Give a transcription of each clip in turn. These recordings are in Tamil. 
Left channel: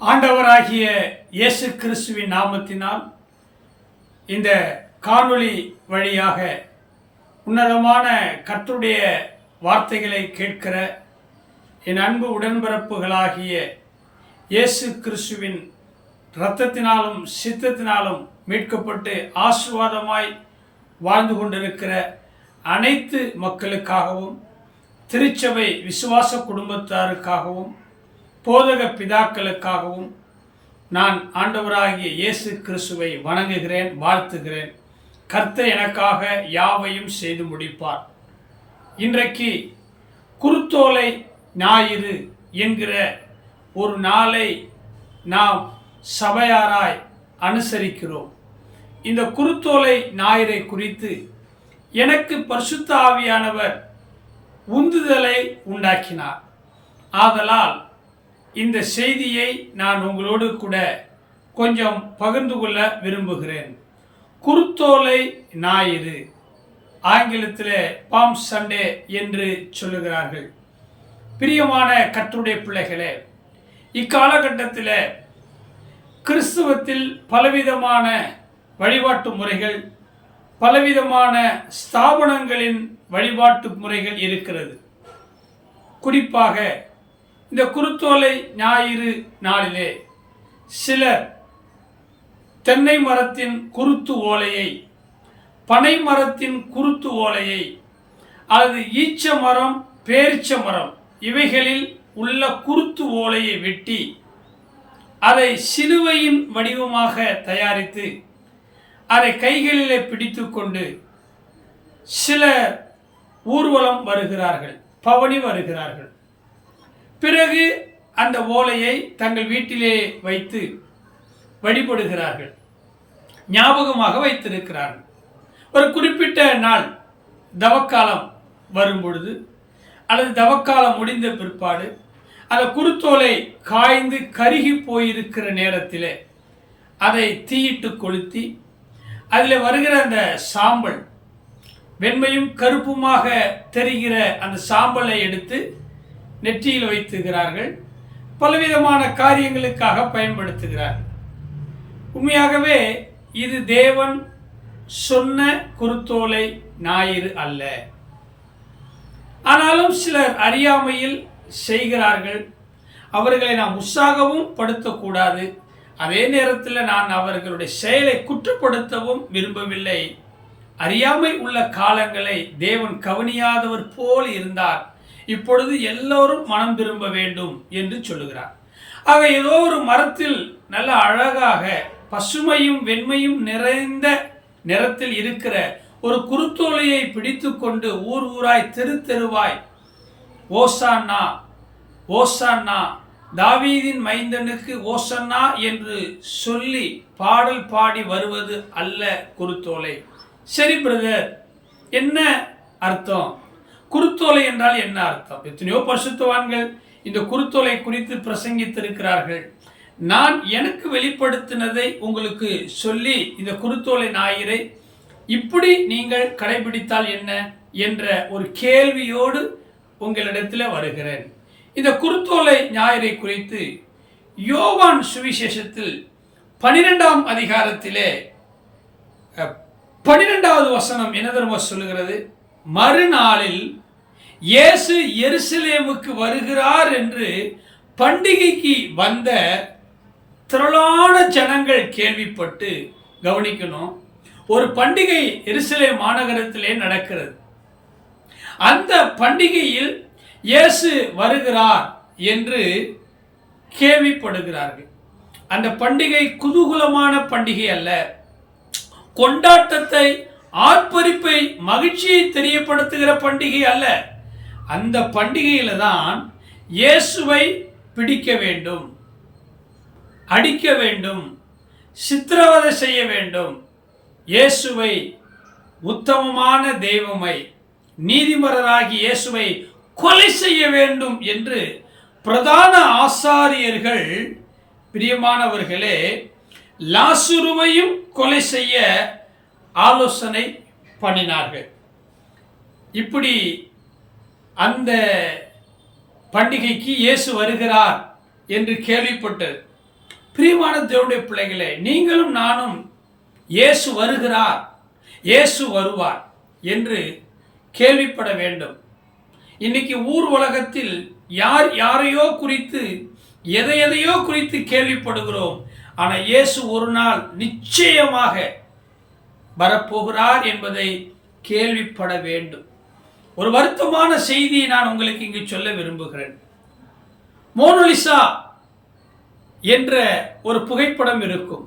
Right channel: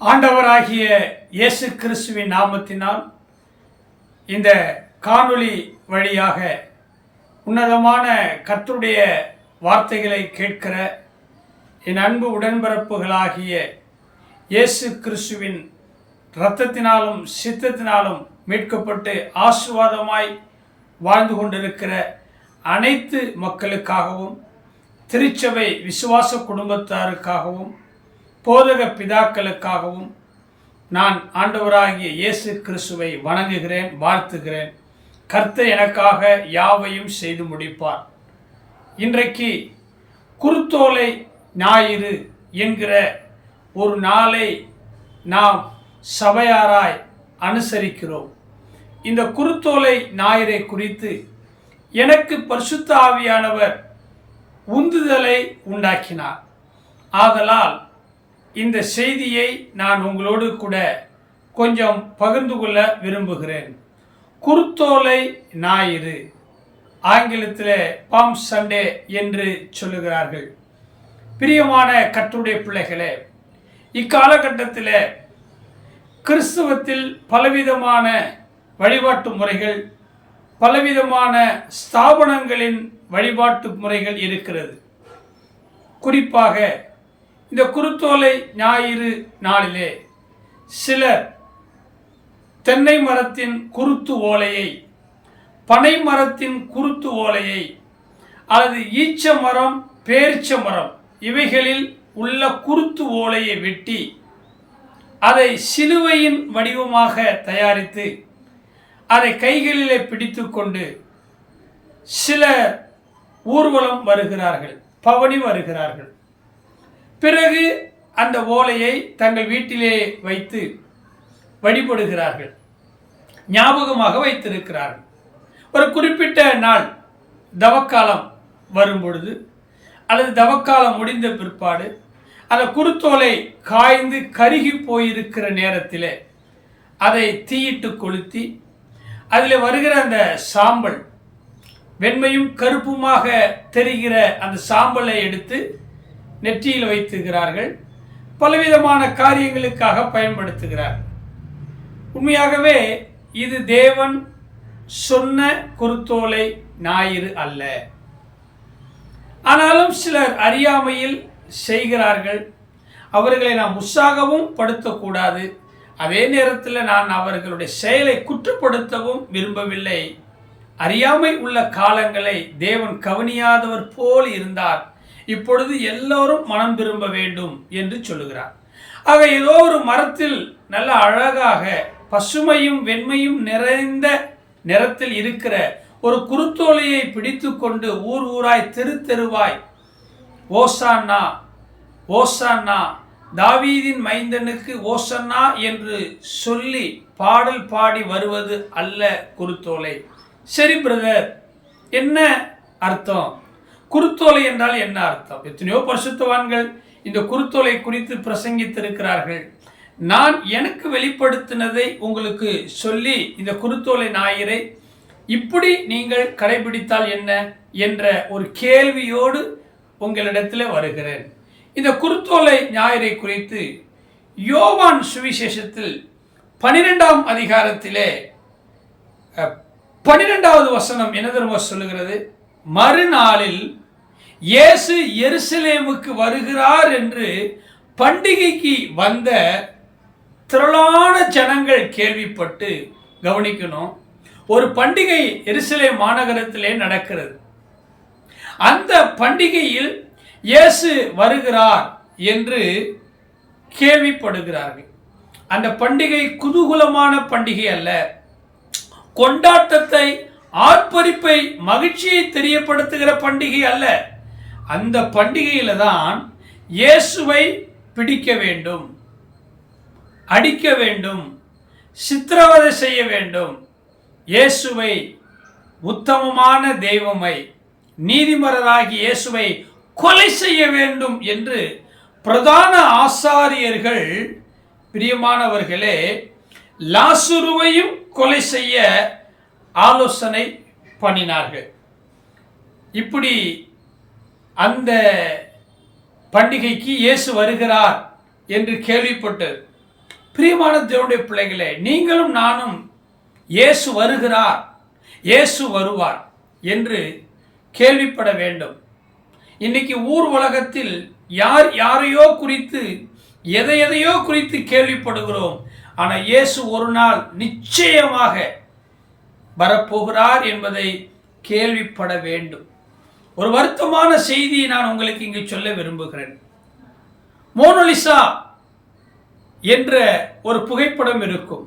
ஆண்டவராகிய இயேசு கிறிஸ்துவின் நாமத்தினால் இந்த காணொளி வழியாக உன்னதமான கர்த்தருடைய வார்த்தைகளை கேட்கிற என் அன்பு உடன்பிறப்புகளாகிய இயேசு கிறிஸ்துவின் இரத்தத்தினாலும் சித்தத்தினாலும் மீட்கப்பட்டு ஆசீர்வாதமாய் வாழ்ந்து கொண்டிருக்கிற அனைத்து மக்களுக்காகவும், திருச்சபை விசுவாச குடும்பத்தாருக்காகவும், போதக பிதாக்களுக்காகவும் நான் ஆண்டவராகிய இயேசு கிறிஸ்துவை வணங்குகிறேன், வாழ்த்துகிறேன். கர்த்தர் எனக்காக யாவையும் செய்து முடிப்பார். இன்றைக்கு குருத்தோலை ஞாயிறு என்கிற ஒரு நாளை நாம் சபையாராய் அனுசரிக்கிறோம். இந்த குருத்தோலை ஞாயிறை குறித்து எனக்கு பரிசுத்த ஆவியானவர் உந்துதலை உண்டாக்கினார். ஆதலால் இந்த செய்தியை நான் உங்களோடு கூட கொஞ்சம் பகிர்ந்து கொள்ள விரும்புகிறேன். குருத்தோலை ஞாயிறு, ஆங்கிலத்தில் பாம் சண்டே என்று சொல்லுகிறார்கள். பிரியமான கர்த்தருடைய பிள்ளைகளே, இக்காலகட்டத்தில் கிறிஸ்துவத்தில் பலவிதமான வழிபாட்டு முறைகள், பலவிதமான ஸ்தாபனங்களின் வழிபாட்டு முறைகள் இருக்கிறது. குறிப்பாக இந்த குருத்தோலை ஞாயிறு நாளிலே சிலர் தென்னை மரத்தின் குருத்து ஓலையை, பனை மரத்தின் குருத்து ஓலையை, அல்லது ஈச்ச மரம், பேரிச்ச மரம் இவைகளில் உள்ள குருத்து ஓலையை வெட்டி அதை சிலுவையின் வடிவமாக தயாரித்து அதை கைகளிலே பிடித்து கொண்டு சிலர் ஊர்வலம் வருகிறார்கள், பவனி வருகிறார்கள். பிறகு அந்த ஓலையை தங்கள் வீட்டிலே வைத்து வழிபடுகிறார்கள், ஞாபகமாக வைத்திருக்கிறார்கள். ஒரு குறிப்பிட்ட நாள் தவக்காலம் வரும்பொழுது அல்லது தவக்காலம் முடிந்த பிற்பாடு அந்த குருத்தோலை காய்ந்து கருகி போயிருக்கிற நேரத்தில் அதை தீயிட்டு கொளுத்தி அதில் வருகிற அந்த சாம்பல், வெண்மையும் கருப்புமாக தெரிகிற அந்த சாம்பலை எடுத்து நெற்றியில் வைத்துகிறார்கள். பலவிதமான காரியங்களுக்காக பயன்படுத்துகிறார்கள். உண்மையாகவே இது தேவன் சொன்ன குருத்தோலை ஞாயிறு அல்ல. ஆனாலும் சிலர் அறியாமையில் செய்கிறார்கள். அவர்களை நாம் உற்சாகமும் படுத்தக்கூடாது. அதே நேரத்தில் நான் அவர்களுடைய செயலை குற்றப்படுத்தவும் விரும்பவில்லை. அறியாமை உள்ள காலங்களை தேவன் கவனியாதவர் போல் இருந்தார். இப்பொழுது எல்லோரும் மனம் திரும்ப வேண்டும் என்று சொல்லுகிறார். ஆக ஏதோ ஒரு மரத்தில் நல்ல அழகாக பசுமையும் வெண்மையும் நிறைந்த நிறத்தில் இருக்கிற ஒரு குருத்தோலையை பிடித்து கொண்டு ஊர் ஊராய் தெரு தெருவாய் ஓசான்னா ஓசான்னா, தாவீதின் மைந்தனுக்கு ஓசன்னா என்று சொல்லி பாடல் பாடி வருவது அல்ல குருத்தோலை. சரி பிரதர், என்ன அர்த்தம்? குருத்தோலை என்றால் என்ன அர்த்தம்? எத்தனையோ பரிசுத்தவான்கள் இந்த குருத்தோலை குறித்து பிரசங்கித்திருக்கிறார்கள். நான் எனக்கு வெளிப்படுத்தினதை உங்களுக்கு சொல்லி இந்த குருத்தோலை ஞாயிறை இப்படி நீங்கள் கடைபிடித்தால் என்ன என்ற ஒரு கேள்வியோடு உங்களிடத்தில் வருகிறேன். இந்த குருத்தோலை ஞாயிறை குறித்து யோவான் சுவிசேஷத்தில் 12ஆம் அதிகாரத்திலே 12வது வசனம் என்ன தெரியுமா சொல்லுகிறது? மறுநாளில் இயேசு எருசலேமுக்கு வருகிறார் என்று பண்டிகைக்கு வந்த திரளான ஜனங்கள் கேள்விப்பட்டு, கவனிக்கணும், ஒரு பண்டிகை எருசலேம் மாநகரத்திலே நடக்கிறது. அந்த பண்டிகையில் இயேசு வருகிறார் என்று கேள்விப்படுகிறார்கள். அந்த பண்டிகை குதூகலமான பண்டிகை அல்ல, கொண்டாட்டத்தை, ஆர்ப்பரிப்பை, மகிழ்ச்சியை தெரியப்படுத்துகிற பண்டிகை அல்ல. அந்த பண்டிகையில தான் இயேசுவை பிடிக்க வேண்டும், அடிக்க வேண்டும், சித்திரவதை செய்ய வேண்டும், இயேசுவை, உத்தமமான தெய்வமை, நீதிமன்றராகி இயேசுவை கொலை செய்ய வேண்டும் என்று பிரதான ஆசாரியர்கள், பிரியமானவர்களே, லாசருவையும் கொலை செய்ய ஆலோசனை பண்ணினார்கள். இப்படி அந்த பண்டிகைக்கு இயேசு வருகிறார் என்று கேள்விப்பட்டது. பிரியமான தேவனுடைய பிள்ளைகளே, நீங்களும் நானும் இயேசு வருகிறார், இயேசு வருவார் என்று கேள்விப்பட வேண்டும். இன்னைக்கு ஊர் உலகத்தில் யார் யாரையோ குறித்து எதையோ குறித்து கேள்விப்படுகிறோம். ஆனால் இயேசு ஒரு நாள் நிச்சயமாக வரப்போகிறார் என்பதை கேள்விப்பட வேண்டும். ஒரு வருத்தமான செய்தியை நான் உங்களுக்கு இங்கு சொல்ல விரும்புகிறேன். மோனோலிசா என்ற ஒரு புகைப்படம் இருக்கும்.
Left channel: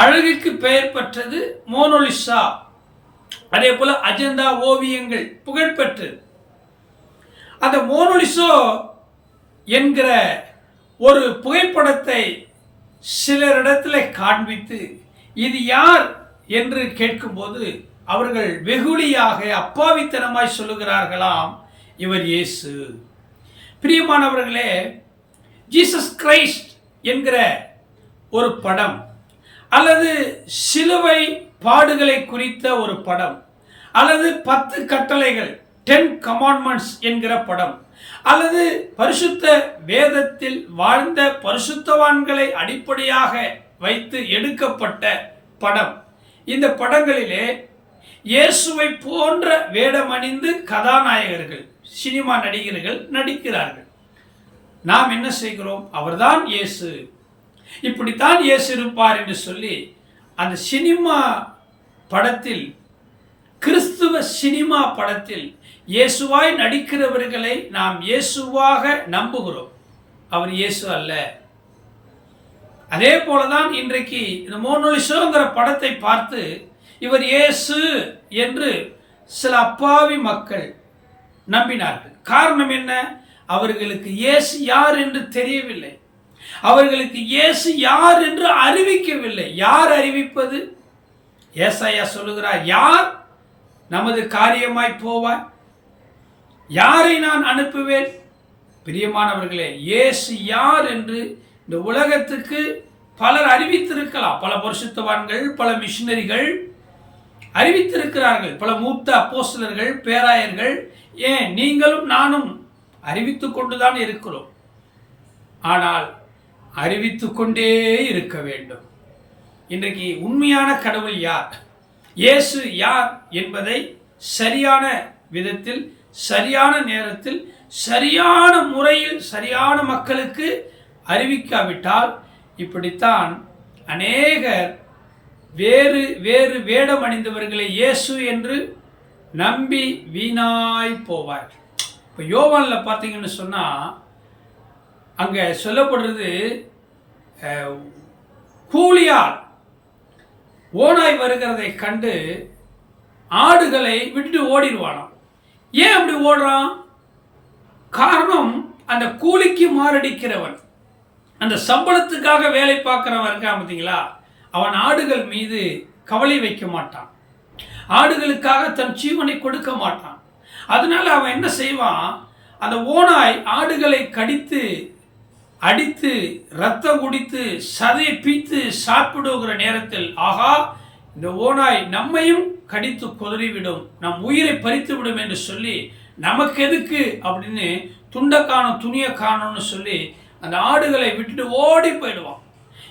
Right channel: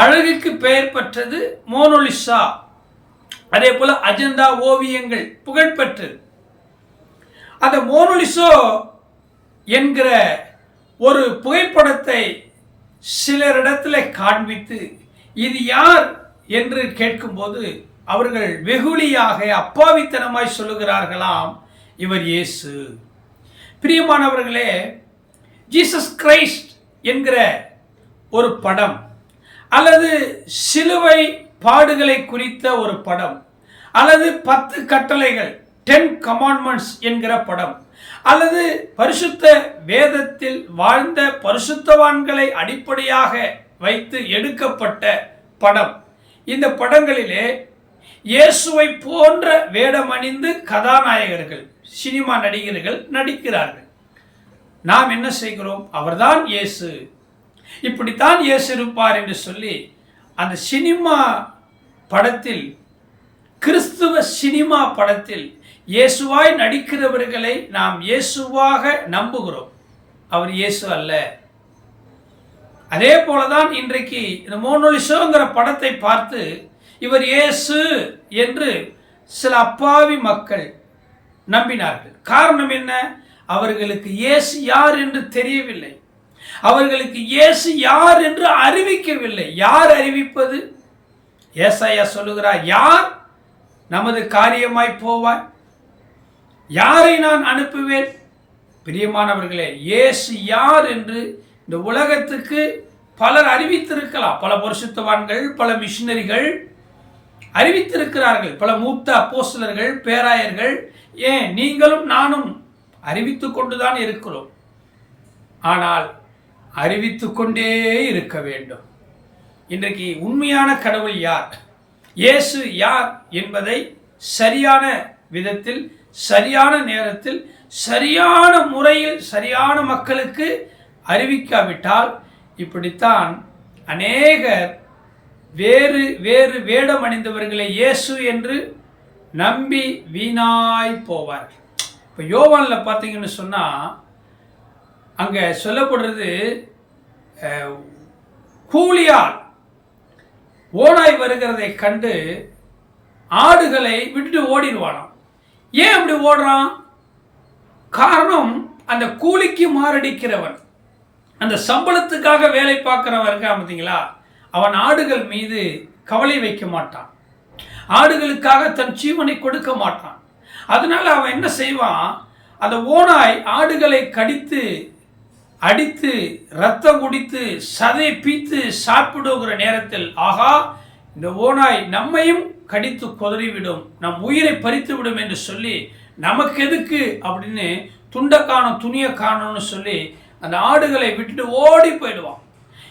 அழகுக்கு பெயர் பெற்றது மோனோலிசா. அதே போல அஜந்தா ஓவியங்கள் புகழ்பெற்றது. அந்த மோனோலிசா என்கிற ஒரு புகைப்படத்தை சிலரிடத்தில் காண்பித்து இது யார் என்று கேட்கும்போது அவர்கள் வெகுளியாக அப்பாவித்தனமாய் சொல்லுகிறார்களாம், இவர் இயேசு. பிரியமானவர்களே, ஜீசஸ் கிரைஸ்ட் என்கிற ஒரு படம் அல்லது சிலுவை பாடுகளை குறித்த ஒரு படம் அல்லது 10 கட்டளைகள் 10 commandments என்கிற படம் அல்லது பரிசுத்த வேதத்தில் வாழ்ந்த பரிசுத்தவான்களை அடிப்படையாக வைத்து எடுக்கப்பட்ட படம். இந்த படங்களிலே இயேசுவை போன்ற வேடமணிந்து கதாநாயகர்கள், சினிமா நடிகர்கள் நடிக்கிறார்கள். நாம் என்ன செய்கிறோம்? அவர்தான் இயேசு, இப்படித்தான் இயேசு இருப்பார் என்று சொல்லி அந்த சினிமா படத்தில், கிறிஸ்துவ சினிமா படத்தில் இயேசுவாய் நடிக்கிறவர்களை நாம் இயேசுவாக நம்புகிறோம். அவர் இயேசு அல்ல. அதே போலதான் இன்றைக்கு இந்த மோனோலிசாங்கிற படத்தை பார்த்து இவர் இயேசு என்று சில அப்பாவி மக்கள் நம்பினார்கள். காரணம் என்ன? அவர்களுக்கு இயேசு யார் என்று தெரியவில்லை. அவர்களுக்கு இயேசு யார் என்று அறிவிக்கவில்லை. யார் அறிவிப்பது? ஏசாயா சொல்லுகிறார், யார் நமது காரியமாய் போவாய்? யாரை நான் அனுப்புவேன்? பிரியமானவர்களே, இயேசு யார் என்று இந்த உலகத்துக்கு பலர் அறிவித்திருக்கலாம். பல பரிசுத்தவான்கள், பல மிஷினரிகள் அறிவித்திருக்கிறார்கள். பல மூத்த அப்போஸ்தலர்கள், பேராயர்கள், ஏன் நீங்களும் நானும் அறிவித்து கொண்டுதான் இருக்கிறோம். ஆனால் அறிவித்து கொண்டே இருக்க வேண்டும். இன்றைக்கு உண்மையான கடவுள் யார், இயேசு யார் என்பதை சரியான விதத்தில், சரியான நேரத்தில், சரியான முறையில், சரியான மக்களுக்கு அறிவிக்காவிட்டால் இப்படித்தான் அநேகர் வேறு வேறு வேடம் அணிந்தவர்களை இயேசு என்று நம்பி வீணாய் போவார்கள். இப்போ யோவானில் பார்த்தீங்கன்னு சொன்னால் அங்கே சொல்லப்படுறது, கூலியால் ஓனாய் வருகிறதை கண்டு ஆடுகளை விட்டுட்டு ஓடிடுவானாம். ஏன் அப்படி ஓடுறான்? காரணம், அந்த கூலிக்கு மாரடிக்கிறவன், அந்த சம்பளத்துக்காக வேலை பார்க்கிறவன் இருக்கான் பார்த்தீங்களா, அவன் ஆடுகள் மீது கவலை வைக்க மாட்டான், ஆடுகளுக்காக தன் ஜீவனை கொடுக்க மாட்டான். அதனால அவன் என்ன செய்வான்? அந்த ஓனாய் ஆடுகளை கடித்து அடித்து ரத்தம் குடித்து சதையை பீத்து சாப்பிடுகிற நேரத்தில், ஆகா இந்த ஓனாய் நம்மையும் கடித்து கொதறிவிடும், நம் உயிரை பறித்து விடும் என்று சொல்லி, நமக்கு எதுக்கு அப்படின்னு துண்டை காணும் துணியை காணும்னு சொல்லி அந்த ஆடுகளை விட்டுட்டு ஓடி போயிடுவான்.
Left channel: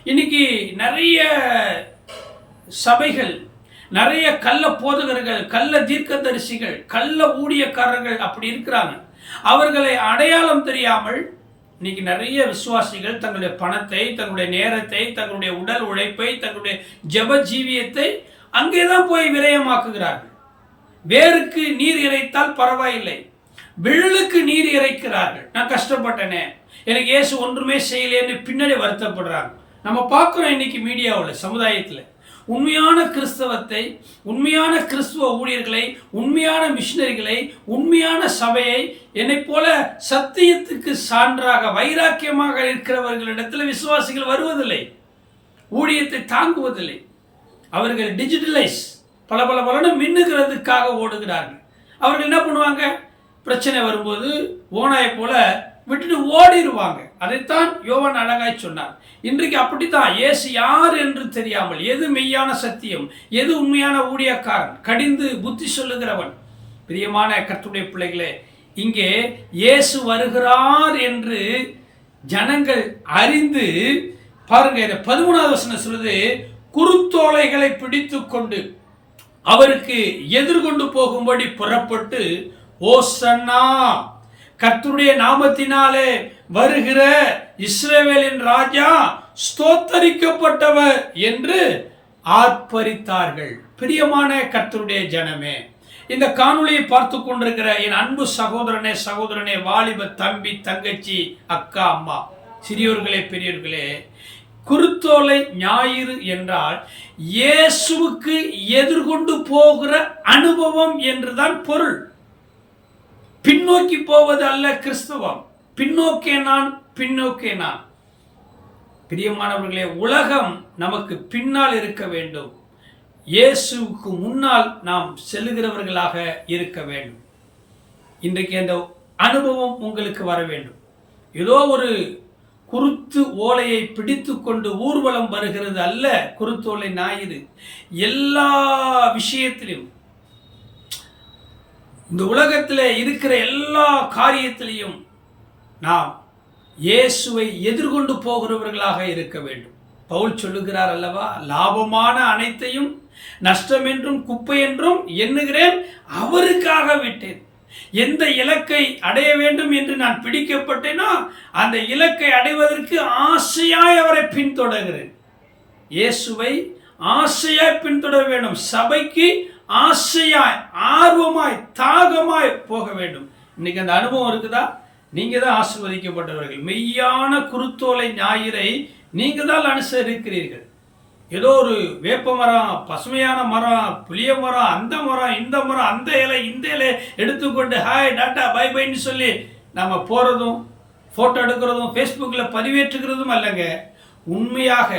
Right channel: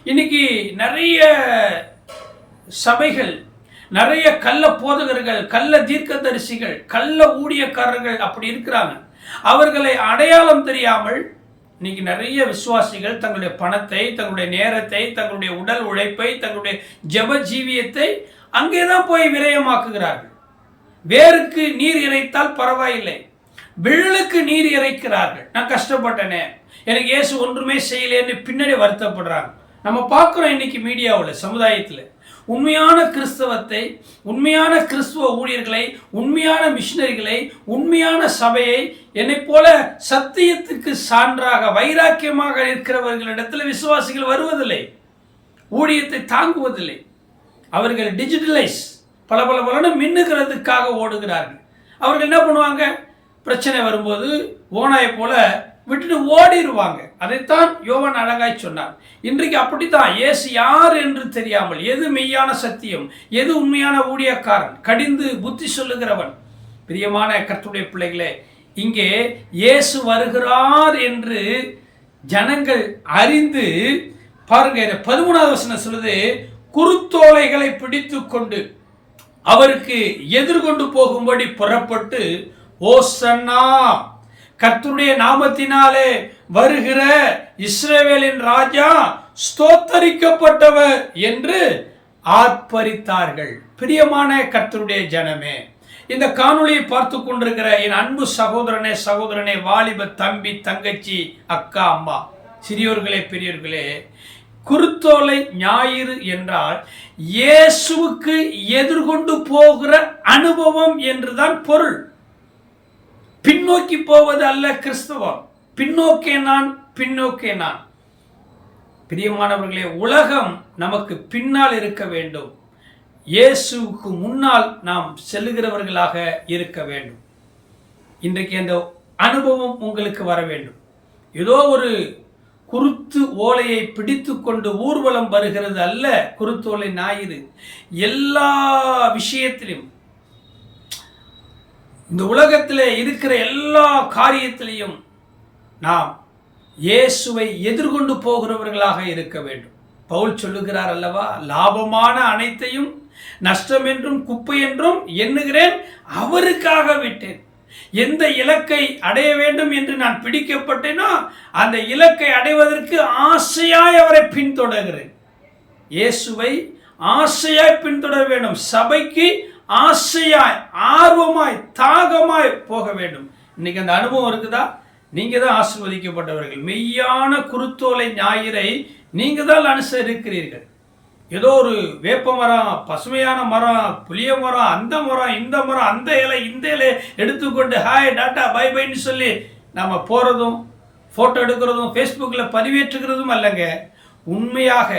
இன்னைக்கு நிறைய சபைகள், நிறைய கள்ள போதகர்கள், கள்ள தீர்க்கதரிசிகள், கள்ள ஊழியக்காரர்கள் அப்படி இருக்கிறாங்க. அவர்களை அடையாளம் தெரியாமல் இன்னைக்கு நிறைய விசுவாசிகள் தங்களுடைய பணத்தை, தங்களுடைய நேரத்தை, தங்களுடைய உடல் உழைப்பை, தங்களுடைய ஜெப ஜீவியத்தை அங்கேதான் போய் விரயமாக்குகிறார்கள். வேருக்கு நீர் இறைத்தால் பரவாயில்லை, விழலுக்கு நீர் இறைக்கிறார்கள். நான் கஷ்டப்பட்டனே, எனக்கு இயேசு ஒன்றுமே செய்யலேன்னு பின்னாடி வருத்தப்படுறாங்க. நம்ம பார்க்குறோம் இன்னைக்கு மீடியாவில், சமுதாயத்தில் உண்மையான கிறிஸ்தவத்தை, உண்மையான கிறிஸ்துவ ஊழியர்களை, உண்மையான மிஷினரிகளை, உண்மையான சபையை, என்னை போல சத்தியத்துக்கு சான்றாக வைராக்கியமாக இருக்கிறவர்களிடத்தில் விசுவாசிகள் வருவதில்லை, ஊழியத்தை தாங்குவதில்லை. அவர்கள் டிஜிட்டலைஸ் பல மின்னுகிறதுக்காக ஓடுகிறார்கள். அவர்கள் என்ன பண்ணுவாங்க? பிரச்சனை வரும்போது ஓனாயை போல விட்டுட்டு ஓடிடுவாங்க. அதைத்தான் யோவான் அழகாய் சொன்னார். இன்றைக்கு அப்படித்தான், இயேசு யார் என்று தெரியாமல், எது மெய்யான சத்தியம், எது உண்மையான ஊழியக்காரன், கடிந்து புத்தி சொல்லுகிறவன். பிரியமான கர்த்தருடைய பிள்ளைகளே, இங்கே இயேசு வருகிறார் என்று ஜனங்கள் அறிந்து பாருங்க, 13வது வசனம் சொல்லுது, குருத்தோலைகளை பிடித்து கொண்டு அவருக்கு எதிர்கொண்டு போகும்படி புறப்பட்டு, ஓசன்னா, கர்த்தருடைய நாமத்தினாலே வருகிற இஸ்ரவேலின் ராஜா ஸ்தோத்தரிக்கப்பட்டவர் என்று ஆர்ப்பரித்தார்கள். பிரியமான கர்த்தருடைய ஜனமே, இந்த காணொளியை பார்த்து கொண்டிருக்கிற என் அன்பு சகோதரனே, வாலிப தம்பி, தங்கச்சி, அக்கா, அம்மா, சிறியோர்களே, பெரியோர்களே, குருத்தோலை ஞாயிறு என்றால் இயேசுவுக்கு எதிர்கொண்டு போகிற அனுபவம் என்றுதான் பொருள். பின்னோக்கி போவது அல்ல கிறிஸ்தவம். பின்னோக்கே நான். பிரியமானவர்களே, உலகம் நமக்கு பின்னால் இருக்க வேண்டும். இயேசுவுக்கு முன்னால் நாம் செல்லுகிறவர்களாக இருக்க வேண்டும். இன்றைக்கு அந்த அனுபவம் உங்களுக்கு வர வேண்டும். ஏதோ ஒரு குருத்து ஓலையை பிடித்து கொண்டு ஊர்வலம் வருகிறது அல்ல குருத்தோலை ஞாயிறு. எல்லா விஷயத்திலும், இந்த உலகத்தில் இருக்கிற எல்லா காரியத்திலையும் நாம் இயேசுவை எதிர்கொண்டு போகிறவர்களாக இருக்க வேண்டும். பவுல் சொல்லுகிறார் அல்லவா, லாபமான அனைத்தையும் நஷ்டம் என்றும் குப்பை என்றும் எண்ணுகிறேன், அவருக்காக விட்டேன். எந்த இலக்கை அடைய வேண்டும் என்று நான் பிடிக்கப்பட்டேனோ அந்த இலக்கை அடைவதற்கு ஆசையாய் அவரை பின்தொடர்கிறேன். இயேசுவை ஆசையாய் பின்தொடர வேண்டும். சபைக்கு ஆசையாய், ஆர்வமாய், தாகமாய் போக வேண்டும். இன்னைக்கு அந்த அனுபவம் இருக்குதா? நீங்க தான் ஆசீர்வதிக்கப்பட்டவர்கள். மெய்யான குருத்தோலை ஞாயிறை நீங்க தான் அனுசரிக்கிறீர்கள். ஏதோ ஒரு வேப்ப மரம், பசுமையான மரம், புளிய மரம், அந்த மரம், இந்த மரம், அந்த இலை, இந்த இலை எடுத்துக்கொண்டு ஹாய் டாட்டா பை பைன்னு சொல்லி நம்ம போகிறதும் ஃபோட்டோ எடுக்கிறதும் ஃபேஸ்புக்கில் பதிவேற்றுகிறதும் அல்லங்க. உண்மையாக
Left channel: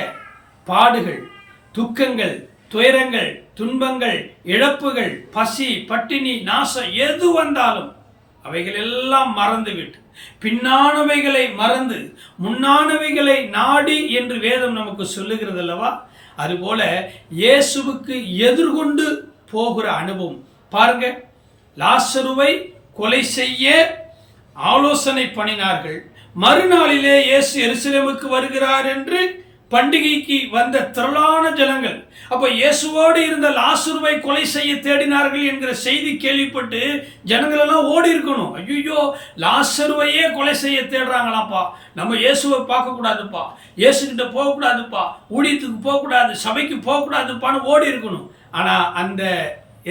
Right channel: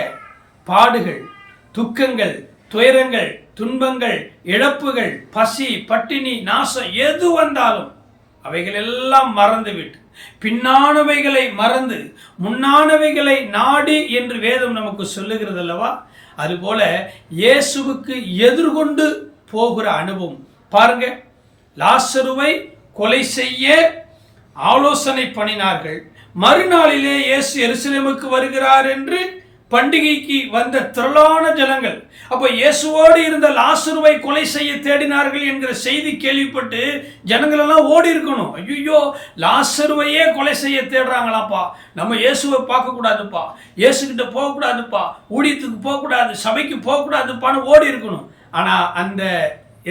பாடுகள், துக்கங்கள், துயரங்கள், துன்பங்கள், இழப்புகள், பசி, பட்டினி, நாசம் எது வந்தாலும் அவைகள் எல்லாம் மறந்துவிட்டு பின்னானவைகளை மறந்து முன்னானவைகளை நாடி என்று வேதம் நமக்கு சொல்லுகிறது அல்லவா. அதுபோல இயேசுவுக்கு எதிர்கொண்டு போகிற அனுபவம் பாருங்க. லாசருவை கொலை செய்ய ஆலோசனை பண்ணினார்கள். மறுநாளிலே இயேசு எருசலேமுக்கு வருகிறார் என்று பண்டிகைக்கு வந்த திரளான ஜனங்கள் அப்ப இயேசுவோடு இருந்த லாசருவை கொலை செய்ய தேடினார்கள் என்கிற செய்தி கேள்விப்பட்டு ஜனங்கள் எல்லாம் ஓடி இருக்கணும். ஐயோ, லாசருவையே கொலை செய்ய தேடுறாங்களாப்பா, நம்ம இயேசுவை பார்க்க கூடாதுப்பா, இயேசுகிட்ட போகக்கூடாதுப்பா, ஊழியத்துக்கு போகக்கூடாது, சபைக்கு போகக்கூடாதுப்பான்னு ஓடி இருக்கணும். ஆனா அந்த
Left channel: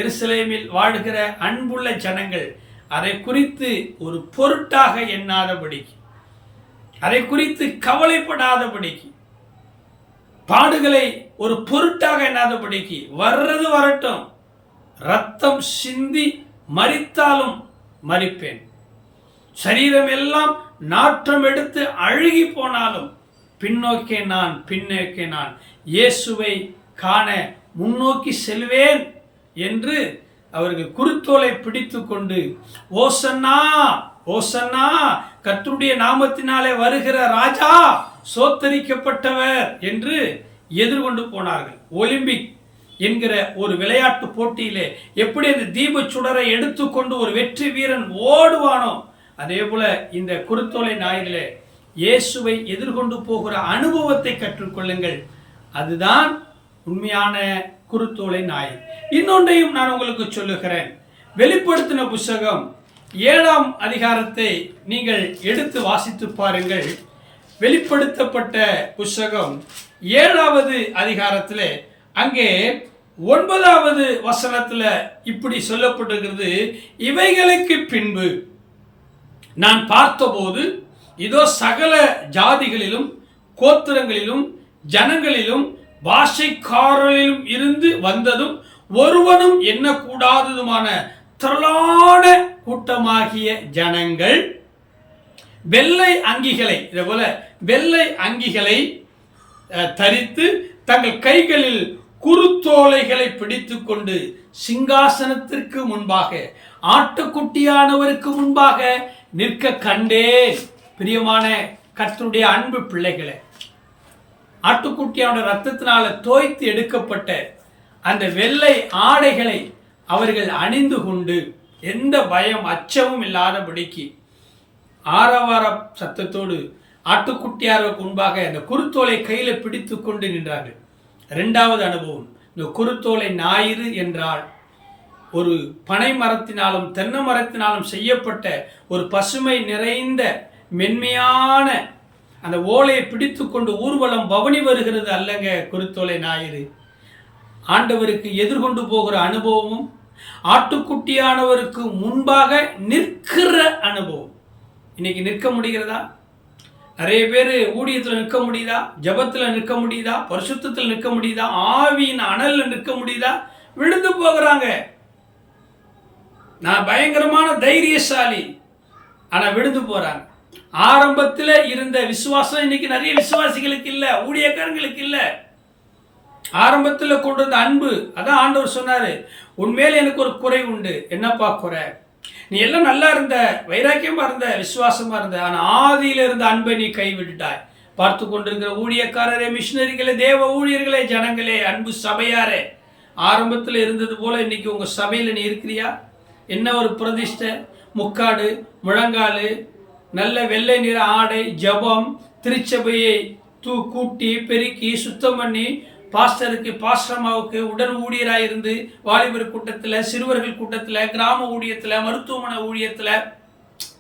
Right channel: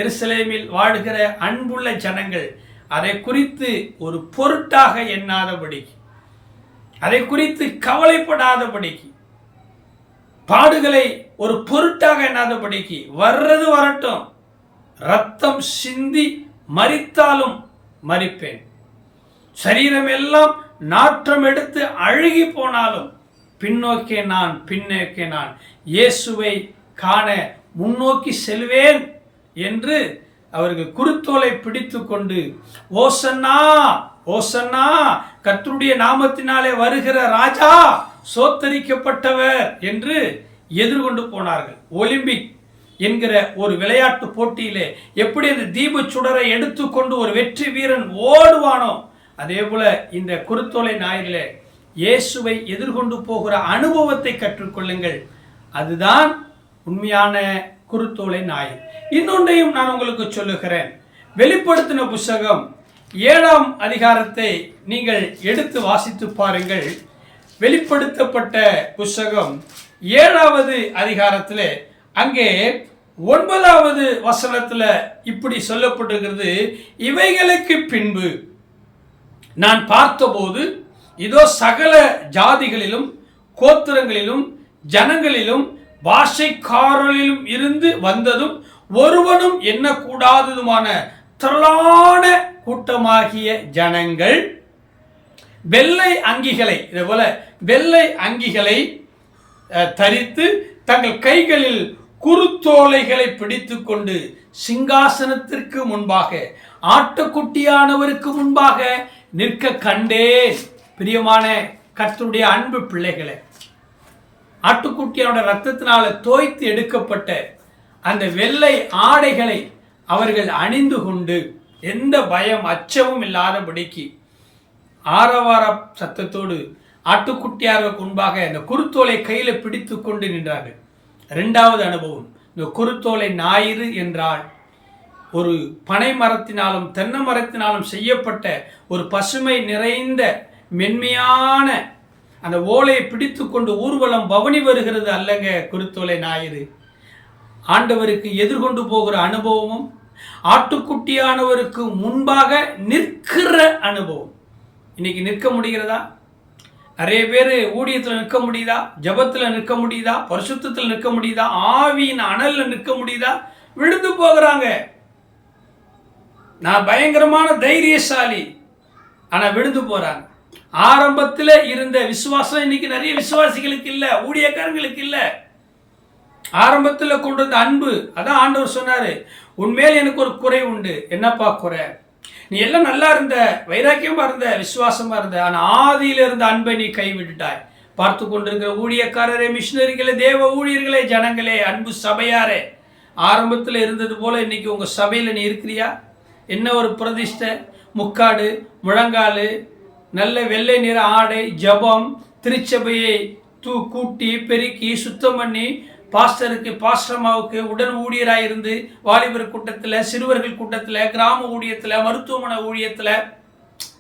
எருசலேமில் வாழ்கிற அன்புள்ள ஜனங்கள் அதை குறித்து ஒரு பொருட்டாக எண்ணாதபடிக்கு, அதை குறித்து கவலைப்படாதபடிக்கு, பாடுகளை ஒரு பொருட்டாக எண்ணாதபடிக்கு, வர்றது வரட்டும், ரத்தம் சிந்தி மரித்தாலும் மரிப்பேன், சரீரம் எல்லாம் நாற்றம் எடுத்து அழுகி போனாலும் பின்னோக்கே நான் இயேசுவை காண முன்னோக்கி செல்வேன் என்று அவர்கள் குருத்தோலை பிடித்து கொண்டு ஓசன்னா, ஓசன்னா, கர்த்தருடைய நாமத்தினாலே வருகிற ராஜா சோத்தரிக்கப்பட்டவர் என்று எதிர்கொண்டு போனார்கள். ஒலிம்பிக் என்கிற ஒரு விளையாட்டு போட்டியிலே எப்படி அந்த தீப சுடரை எடுத்துக்கொண்டு ஒரு வெற்றி வீரன் ஓடுவானோ அதே போல இந்த குருத்தோலை ஞாயிறிலே இயேசுவை எதிர்கொண்டு போகிற அனுபவத்தை கற்றுக்கொள்ளுங்கள். அதுதான் உண்மையான குருத்தோலை ஞாயிறு. இன்னொன்றையும் நான் உங்களுக்கு சொல்லுகிறேன். வெளிப்படுத்தின புஸ்தகம் 7ஆம் அதிகாரத்தை நீங்கள் எடுத்து வாசித்து பாருங்கள். வெளிப்படுத்தப்பட்ட புஸ்தகம் 7வது அதிகாரத்தில் அங்கே 9வது வசனத்தில் இப்படி சொல்லப்பட்டிருக்கிறது, இவைகளுக்கு பின்பு நான் பார்த்தபோது இதோ சகல ஜாதிகளிலும் கோத்திரங்களிலும் ஜனங்களிலும் பாஷைக்காரர்களிலும் இருந்து வந்ததும் ஒருவனும் எண்ணக்கூடாததுமான திரளான கூட்டமாகிய ஜனங்கள் வெள்ளை அங்கிகளை, இதே போல வெள்ளை அங்கிகளை தரித்து தங்கள் கைகளில் குருத்தோலைகளை பிடித்து கொண்டு சிங்காசனத்திற்கு முன்பாக ஆட்டுக்குட்டியானவருக்கு முன்பாக நிற்க கண்டேன். பிரியமான கர்த்தருடைய அன்பு பிள்ளைகளே, ஆட்டுக்குட்டியானுடைய ரத்தத்தினால தோய்த்து எடுக்கப்பட்ட அந்த வெள்ளை ஆடைகளை அவர்கள் அணிந்து கொண்டு எந்த பயம் அச்சமும் இல்லாதபடிக்கு ஆரவார சத்தத்தோடு ஆட்டுக்குட்டியாருக்கு முன்பாக இந்த குருத்தோலை கையில் பிடித்து கொண்டு நின்றார்கள். இரண்டாவது அனுபவம், இந்த குருத்தோலை ஞாயிறு என்றால் ஒரு பனை மரத்தினாலும் தென்னை மரத்தினாலும் செய்யப்பட்ட ஒரு பசுமை நிறைந்த மென்மையான அந்த ஓலையை பிடித்து கொண்டு ஊர்வலம் பவனி வருகிறது அல்லங்க குருத்தோலை ஞாயிறு. ஆண்டவருக்கு எதிர்கொண்டு போகிற அனுபவமும் ஆட்டுக்குட்டியானவருக்கு முன்பாக நிற்கிற அனுபவம். இன்னைக்கு நிற்க முடிகிறதா? நிறைய பேர் ஊழியத்தில் நிற்க முடியுதா? ஜபத்தில் நிற்க முடியுதா? பரிசுத்தத்தில் நிற்க முடியுதா? ஆவியின் அனலில் நிற்க முடியுதா? விழுந்து போகிறாங்க. நான் பயங்கரமான தைரியசாலி, ஆனால் விழுந்து போகிறாங்க. ஆரம்பத்தில் இருந்த விசுவாசம் இன்னைக்கு நிறைய விசுவாசிகளுக்கு இல்லை, ஊழியக்காரங்களுக்கு இல்லை. ஆரம்பத்தில் கொண்டு வந்த அன்பு, அதான் ஆண்டவர் சொன்னார், உன்மேல் எனக்கு ஒரு குறை உண்டு. என்னப்பா குறை? நீ எல்லாம் நல்லா இருந்த, வைராக்கியமாக இருந்த, விசுவாசமாக இருந்த, ஆனால் ஆதியில் இருந்த அன்பை நீ கைவிட்டுட்டாய். பார்த்து கொண்டிருக்கிற ஊழியக்காரரே, மிஷினரிகளே, தேவ ஊழியர்களே, ஜனங்களே, அன்பு சபையாரே, ஆரம்பத்தில் இருந்தது போல இன்னைக்கு உங்கள் சபையில் நீ இருக்கிறியா? என்ன ஒரு பிரதிஷ்டை, முக்காடு, முழங்கால், நல்ல வெள்ளை நிற ஆடை, ஜபம், திருச்சபையை கூட்டி பெருக்கி சுத்தம் பண்ணி பாஸ்டருக்கு பாஸ்டர்மாவுக்கு உடன் ஊழியராக இருந்து வாலிபர் கூட்டத்தில், சிறுவர்கள் கூட்டத்தில், கிராம ஊழியத்தில், மருத்துவமனை ஊழியத்தில்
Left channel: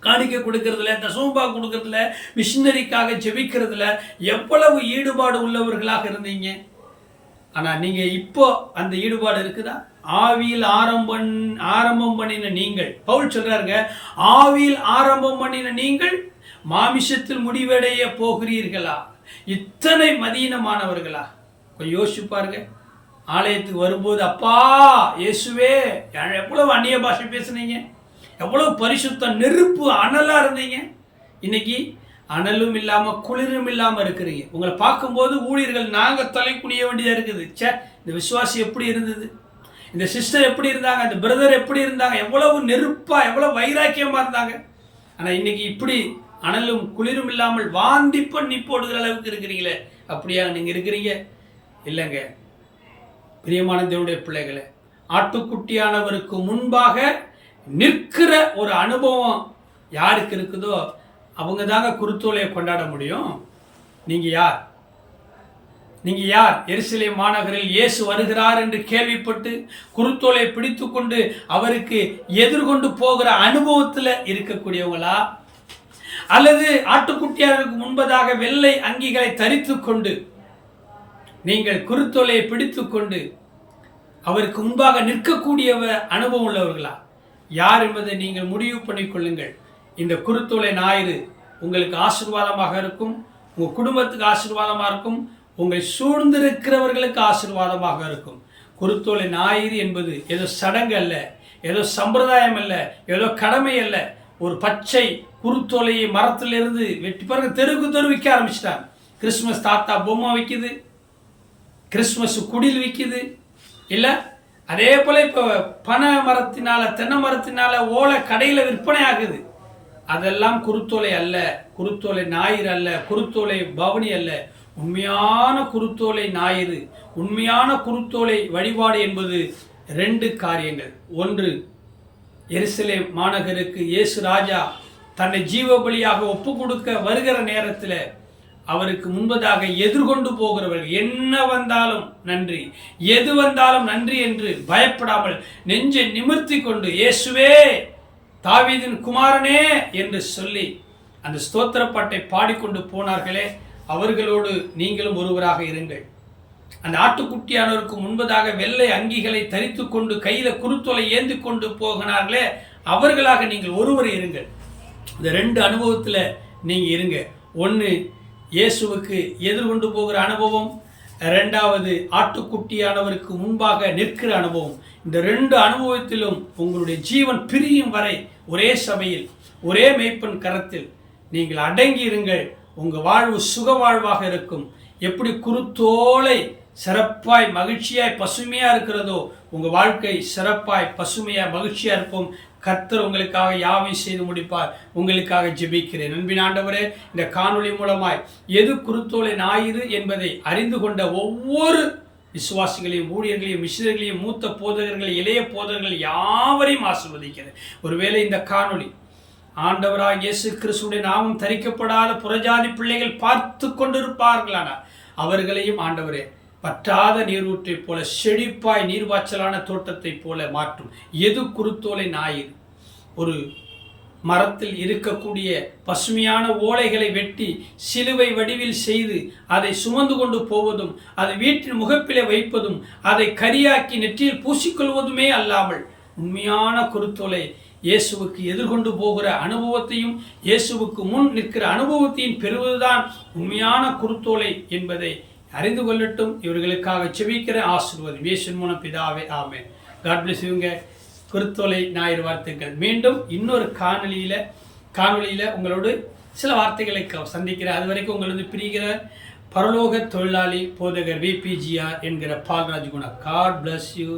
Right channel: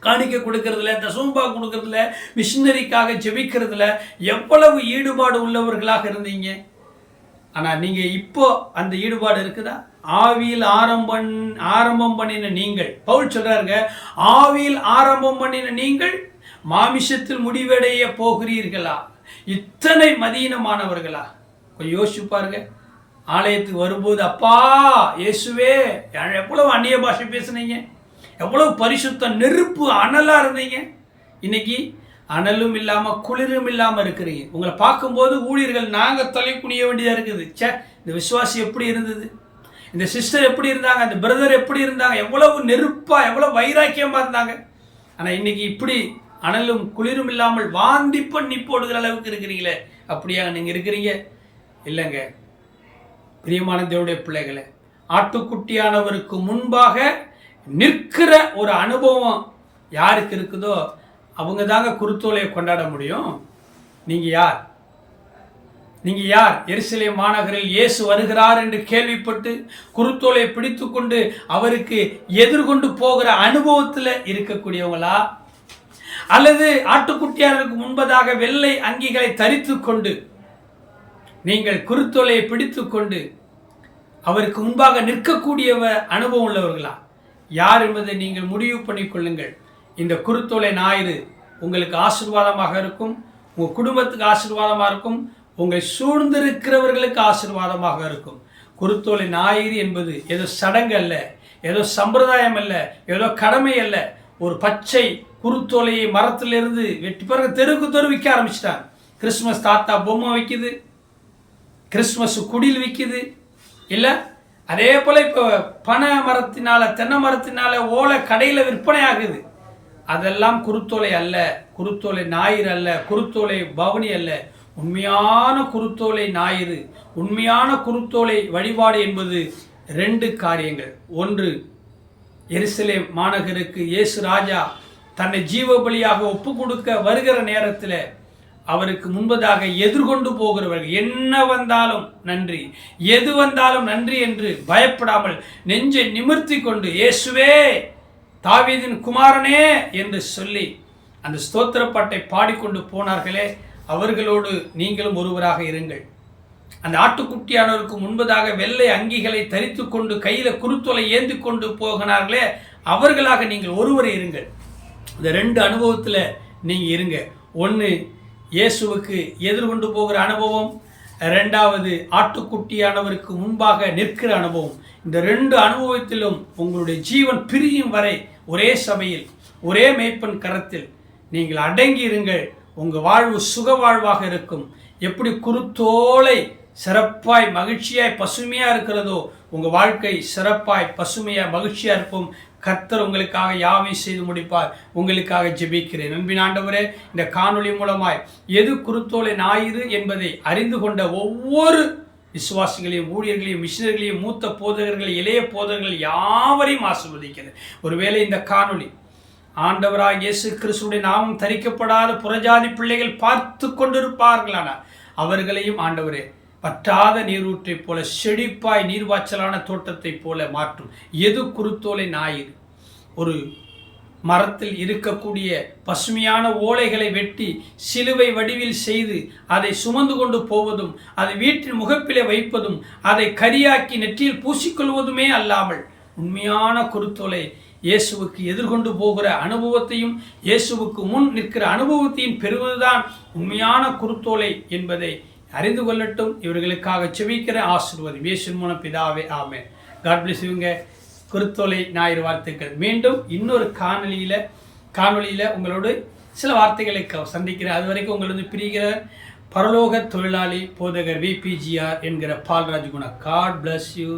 காணிக்கை கொடுக்கறதுல, தசமபா கொடுக்கறதுல, மிஷினரிக்காக ஜெபிக்கிறதுல எவ்வளவு ஈடுபாடு உள்ளவர்களாக இருந்தீங்க. ஆனால் நீங்கள் இப்போ அந்த ஈடுபாடு இருக்குதா? ஆவியில் ஆரம்பம் பண்ணின நீங்கள், பவுல் சொல்றாருங்க, ஆவியில் ஆரம்பம் பண்ணின நீங்கள் மாமிசத்தில் முடிவடைய போகிறீர்களா? இத்தனை மதீனமானவர்களா? கொஞ்சம் யோசிச்சு பாருங்க. ஆலயத்துக்கு வரும்போது, அப்பா இயேசுவே, எவ்வளவு அந்நிய பாஷை பேசுனீங்க, எவ்வளவு பரிசுத்த நெருப்பு அனலா இருந்தீங்க. இன்னைக்கு அனலும் இல்லாமல் குளிரும் இல்லாமல் இருக்கிறீங்க. உங்களை பார்க்கும்போது ஊழியர்கள் நாங்கள் தலை குனிய வேண்டியதாக இருக்குது. இந்த விசுவாசி எப்படி இருந்தது, இந்த சிஸ்டர் எப்படி இருந்தாங்க, அந்த பிரதர் எப்படி இருந்தாங்க, எவ்வளவு நெருப்பாக, எவ்வளவு வைராக்கியமாக இருந்தாங்க. ஆனால் இன்னைக்கு இப்படி அனலும் குளிரும் இல்லாமல் வாந்தி பண்ணி போடுகிற அளவுக்கு இருக்கிறீங்களே. அப்படியா நீங்கள் இருக்கிறீங்க? இல்லைங்க. பிரியமான தேவனுடைய பிள்ளைகளை, ஆட்டுக்குட்டியானவருக்கு முன்பாக நிற்கிற ஒரு அனுபவம் யாருக்கு இருக்குதோ அவங்க தாங்க குருத்தோலையை கொண்டாட முடியும். நீங்கள் யார்? நீங்கள் யார்? எருசலேம் மாநகரில் இயேசு வருகிறார் என்று கேள்விப்பட்டு குருத்தோலை பிடித்து கொண்டு அவருக்கு எதிர்கொண்டு போகிற அனுபவத்தில் இருக்கக்கூடியவங்களா? அல்லது ஆட்டுக்குட்டியாருக்கு முன்பதாக வெள்ளை அங்கிகளை தரித்து கொண்டு நீங்கள் குருத்தோலையை பிடித்து கொண்டு அவருக்கு முன்பாக நிற்கக்கூடிய அனுபவம் உள்ளவர்களா? யார் என்பதை நீங்கள் முடிவு பண்ணிக்கொள்ளுங்கள். இந்த குருத்தோலை ஞாயிறு உங்களுக்கு ஆசீர்வாதமாக இருக்கும், உங்கள் குடும்பத்துக்கு ஆசீர்வாதமாக இருக்கும், உங்களை சூழ்ந்திருக்கிறவர்களுக்கு ஆசீர்வாதமாக இருக்கும். குருத்தோலை ஞாயிறு என்பது ஏதோ சடங்கு அல்ல, ஏதோ சம்பிரதாயம் அல்ல, ஏதோ கடமை அல்ல. ஒரு பச்சை குருத்தோலையை மரத்திலிருந்து வெட்டி பிறகு தெருக்கு தெரு விற்க ஆரம்பிச்சிட்டாங்க. கிறிஸ்மஸ் தாத்தா பொம்மை விற்கிது, கிறிஸ்மஸ் குடில் விற்கிது இல்லை? அதே போல் இப்போ பனை மரத்தினால, தென்னை மரத்தினால ஓலை கடையில் விற்பனை ஆகுது. அதெல்லாம் குருத்தோலை அல்ல, குருத்தோலை ஞாயிறு அல்ல, குருத்தோலை பவனி அல்ல. உண்மையான குருத்தோலை ஞாயிறு, உண்மையான குருத்தோலை வழிபாடு என்பது 2 காரியங்கள். ஒன்று, எருசலேம் மாநகருக்கு இயேசு ராஜா தன்னை ஜீவ பலியாக ஒப்பு கொடுக்க வருகிற நேரத்தில் அவருக்கு முன்பதாக எதிர்கொண்டு போகிறவர்கள் என்ன வந்தாலும் நன்றி, எது வந்தாலும் நன்றி என்று பயப்படாமல் நெஞ்சை நிமிர்த்தி கொண்டு இயேசுவே தாவீதின் குமாரனே என்று சொல்லி அந்த ஸ்தோத்திர பாட்டை பாடிக்கொண்டு போனார்களே, அவர்களோடு நீங்களும் ஒருவராக இருங்கள். அந்த ஆட்டுக்குட்டியானவருக்கு முன்பதாக வெள்ளை அங்கிகளை தரித்து கொண்டு கையில் குருத்தோலை ஏந்தி கொண்டு போகிறார்களே, அவர்களாக நீங்கள் ஒருவர் இருங்கள். இந்த 2 அனுபவத்தில் நீங்கள் இருங்க. ஒன்று, இயேசுவுக்கு எதிர்கொண்டு போகிற அனுபவம். 2வது, ஆட்டுக்குட்டியானவருக்கு முன்பாக நிற்கிற அனுபவம். இந்த 2 அனுபவத்திலும் உங்களுடைய ஜீவன் பிரியும் வரை ஒரே சபையில், ஒரே மேய்ப்பன் கரத்தில் நீங்கள் அடங்கி இருங்கள். உங்கள் வாழ்வு சுக வாழ்வாக இருக்கும். எப்படி குருத்தோலை சிறப்பாய் மகிழ்ச்சியாய் பசுமையாக இருக்கிறதோ, உங்கள் வாழ்க்கை சிறப்பாய் பசுமையாக மகிழ்ச்சியாக இருப்போம். கர்த்தர் உங்களுக்காக யாவையும் செய்து முடிப்பார். உங்களுக்காக ஜெபிக்கிறேன். அன்பின் ஆண்டவரே, இந்த காணொளி மூலமாய் எது குருத்தோலை ஞாயிறு என்பதை அறிந்து கொண்ட ஒவ்வொரு விசுவாசிகளையும், ஊழியர்களையும், மிஷினர்களையும், மூத்த போதகர்கள், இளைய போதகர்கள் யாவரையும் ஆசீர்வதிக்கிறேன். ஒருவேளை இந்த காணொளி ஆண்டவராக இயேசு கிறிஸ்துடைய நாமம் தரிக்கப்படாத புறஜாதி பிள்ளைகள் பார்த்து கொண்டிருப்பார்களானா அவர்களையும் ஆண்டவரே பற்றாத நீரூற்றைப் போல செழிப்பாய் நீர்வாய்ச்சலான தோட்டத்தைப் போல மாற்றும். எது குருத்தோலை ஞாயிறு? ஒரு மரத்தில் இருக்கக்கூடிய பசுமையான ஓலைகளை வெட்டி சிலுவை வடிவில் செய்து அதை சுமந்து கொண்டு போவதும் அதை வீட்டின் முகப்பிலே வைப்பதும் அதை கரியாக்கி நெற்றியில் பூசிக்கொள்வதுமே அல்லாமல் உண்மையான குருத்தோலை இயேசுவுக்கு எதிர்கொண்டு போகிற அனுபவத்தையும் இயேசுவுக்கு முன் நிற்கிற அனுபவத்தையும் பெறுவதுதான் உண்மையான குருத்தோலை என்பதை அறிந்து கொள்ளட்டும். இவர்களுக்காக செபிக்கிற ஆசீர்வாதம் இயேசுவின் மூலம் பிதாவே, ஆமென். காட் பிளஸ் யூங்க. குருத்தோலை ஞாயிறு வார்த்தைகள். மீண்டும் இன்னொரு காணொளியில் உங்களோடு சில வார்த்தைகளை சந்திக்கிறேன். அது வரைக்கும் உங்களது பிரிகிற பரலோக தொழிலாளி போதகர் VPGR என்கிற Palraj Guna. God bless you.